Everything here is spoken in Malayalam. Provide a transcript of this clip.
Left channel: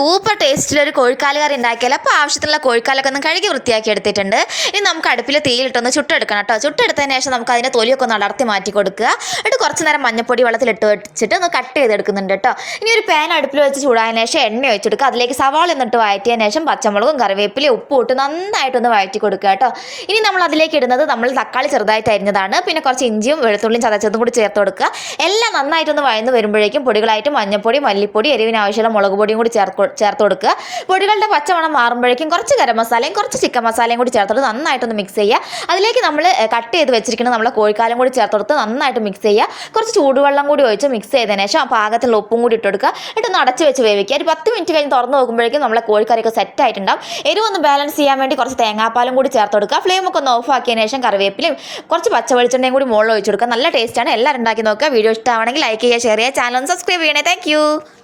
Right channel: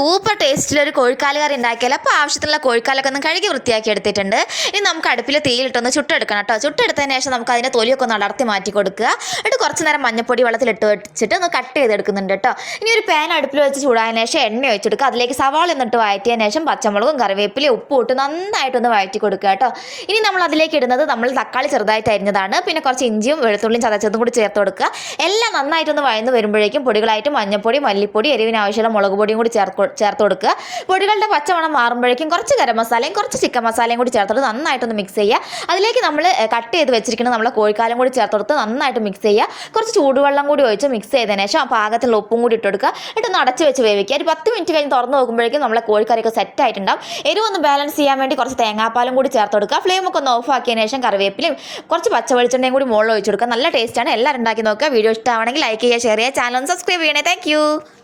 സൂപ്പർ ടേസ്റ്റിലൊരു കോഴിക്കാല് കറി ഉണ്ടാക്കിയാൽ അപ്പോൾ ആവശ്യത്തിനുള്ള കോഴിക്കാലൊക്കെ ഒന്ന് കഴുകി വൃത്തിയാക്കി എടുത്തിട്ടുണ്ട്. ഇനി നമുക്ക് അടുപ്പിൽ തീയിലിട്ടൊന്ന് ചുട്ടെടുക്കണം കേട്ടോ. ചുട്ടെടുത്തതിന് ശേഷം നമുക്ക് അതിൻ്റെ തൊലിയൊക്കെ ഒന്ന് അടർത്തി മാറ്റി കൊടുക്കുക. എന്നിട്ട് കുറച്ച് നേരം മഞ്ഞപ്പൊടി വെള്ളത്തിലിട്ട് വെച്ചിട്ട് ഒന്ന് കട്ട് ചെയ്തെടുക്കുന്നുണ്ട് കേട്ടോ. ഇനി ഒരു പാൻ അടുപ്പിൽ വെച്ച് ചൂടായതിനു ശേഷം എണ്ണ ഒഴിച്ചെടുക്കുക. അതിലേക്ക് സവാള എന്നിട്ട് വഴറ്റിയതിന് ശേഷം പച്ചമുളകും കറിവേപ്പിലയും ഉപ്പും ഇട്ട് നന്നായിട്ടൊന്ന് വഴറ്റി കൊടുക്കുക കേട്ടോ. ഇനി നമ്മൾ അതിലേക്ക് ഇടുന്നത് നമ്മൾ തക്കാളി ചെറുതായിട്ട് അരിഞ്ഞതാണ്, പിന്നെ കുറച്ച് ഇഞ്ചിയും വെളുത്തുള്ളിയും ചതച്ചതും കൂടി ചേർത്ത് കൊടുക്കുക. എല്ലാം നന്നായിട്ടൊന്ന് വഴന്ന് വരുമ്പോഴേക്കും പൊടികളായിട്ട് മഞ്ഞപ്പൊടി, മല്ലിപ്പൊടി, എരിവിന് ആവശ്യമുള്ള മുളക് പൊടിയും കൂടി ചേർത്ത് കൊടുക്കുക. പൊടികളുടെ പച്ചമണം മാറുമ്പോഴേക്കും കുറച്ച് ഗരം മസാലയും കുറച്ച് ചിക്കൻ മസാലയും കൂടി ചേർത്തിട്ട് നന്നായിട്ടൊന്ന് മിക്സ് ചെയ്യുക. അതിലേക്ക് നമ്മൾ കട്ട് ചെയ്ത് വെച്ചിരിക്കുന്ന നമ്മളെ കോഴിക്കാലും കൂടി ചേർത്തെടുത്ത് നന്നായിട്ട് മിക്സ് ചെയ്യുക. കുറച്ച് ചൂടുവെള്ളം കൂടി ഒഴിച്ച് മിക്സ് ചെയ്തതിന് ശേഷം പാകത്തിലുള്ള ഉപ്പും കൂടി ഇട്ട് കൊടുക്കുക. എന്നിട്ടൊന്ന് അടച്ച് വെച്ച് വേവിക്കുക. ഒരു 10 മിനിറ്റ് കഴിഞ്ഞ് തുറന്ന് നോക്കുമ്പോഴേക്കും നമ്മളെ കോഴിക്കറിയൊക്കെ സെറ്റ് ആയിട്ടുണ്ടാവും. എരിവൊന്ന് ബാലൻസ് ചെയ്യാൻ വേണ്ടി കുറച്ച് തേങ്ങാപ്പാലും കൂടി ചേർത്ത് കൊടുക്കുക. ഫ്ലെയിമൊക്കെ ഒന്ന് ഓഫ് ആക്കിയതിന് ശേഷം കറിവേപ്പിലും കുറച്ച് പച്ച വെളിച്ചെണ്ണയും കൂടി മുകളിൽ ഒഴിച്ച് കൊടുക്കുക. നല്ല ടേസ്റ്റാണ്. എല്ലാവരും ഉണ്ടാക്കി നോക്കുക. വീഡിയോ ഇഷ്ടമാണെങ്കിൽ ലൈക്ക് ചെയ്യുക, ഷെയർ ചെയ്യുക, ചാനൽ ഒന്ന് സബ്സ്ക്രൈബ് ചെയ്യണേ. താങ്ക്